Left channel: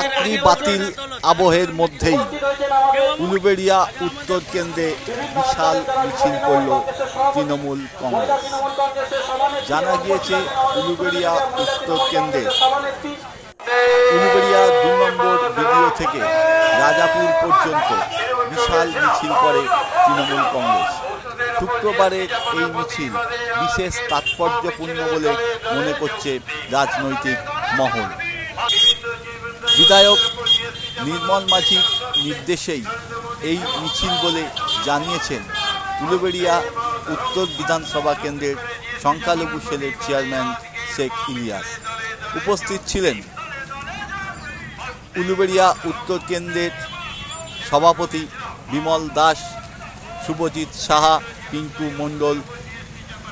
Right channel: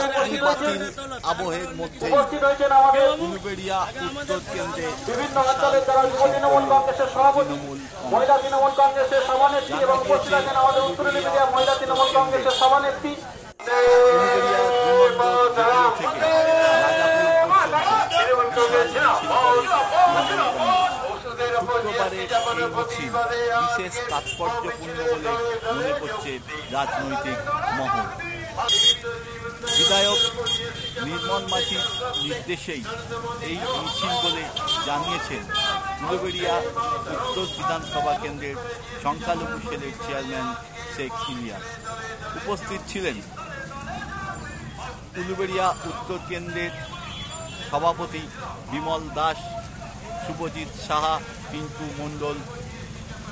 রাত্রি বাতিল আবহের মধ্যেই উলুবেড়িয়া উত্তর কেন্দ্রে বিশাল মিছিল করল তৃণমূল কংগ্রেস। জানা গিয়েছে উলুবেড়িয়া উত্তর কেন্দ্রে উলুবেড়িয়া 2 নম্বর ভিডিও থেকে রাজাপুর পর্যন্ত বিশাল মিছিল করে তৃণমূল কংগ্রেস। শুক্রবারের এই মিছিল বিশেষ তাৎপর্যপূর্ণ বলে মনে করছে রাজনৈতিক মহল। বিধায়ক নির্মল মাঝির নির্দেশেই এই মিছিল বলে জানিয়েছেন উলুবেড়িয়া উত্তর বিধানসভা কেন্দ্রের সংখ্যালঘু সেলের চেয়ারম্যান শেখ ইলিয়াস। উপস্থিত ছিলেন উলুবেড়িয়া উত্তর কেন্দ্রের সভাপতি বিমল দাস, শুভজিৎ সাহা, পিঙ্কু মণ্ডল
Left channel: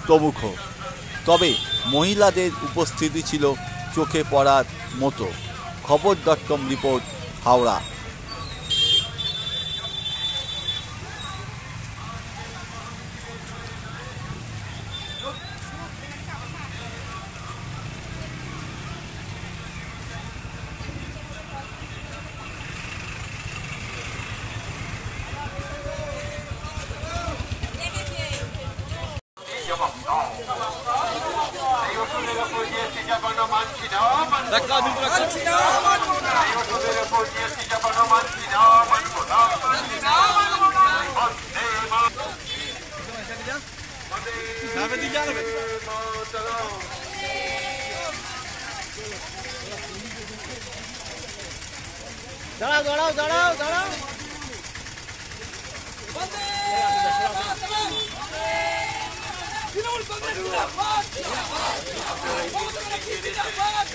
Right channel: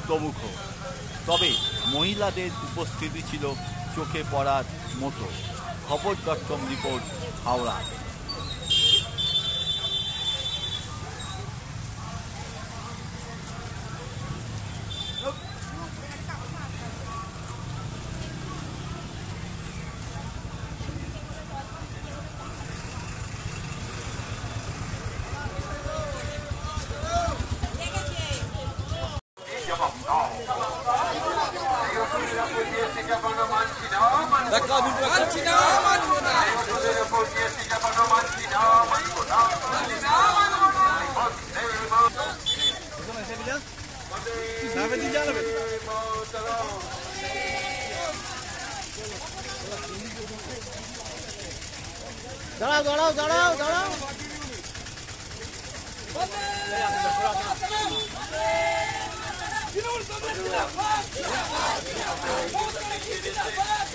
প্রমুখ। তবে মহিলাদের উপস্থিতি ছিল চোখে পড়ার মতো। খবর.com রিপোর্ট, হাওড়া। দাঁড়াও দাঁড়াও দাঁড়াও দাঁড়াও জিন্দাবাদ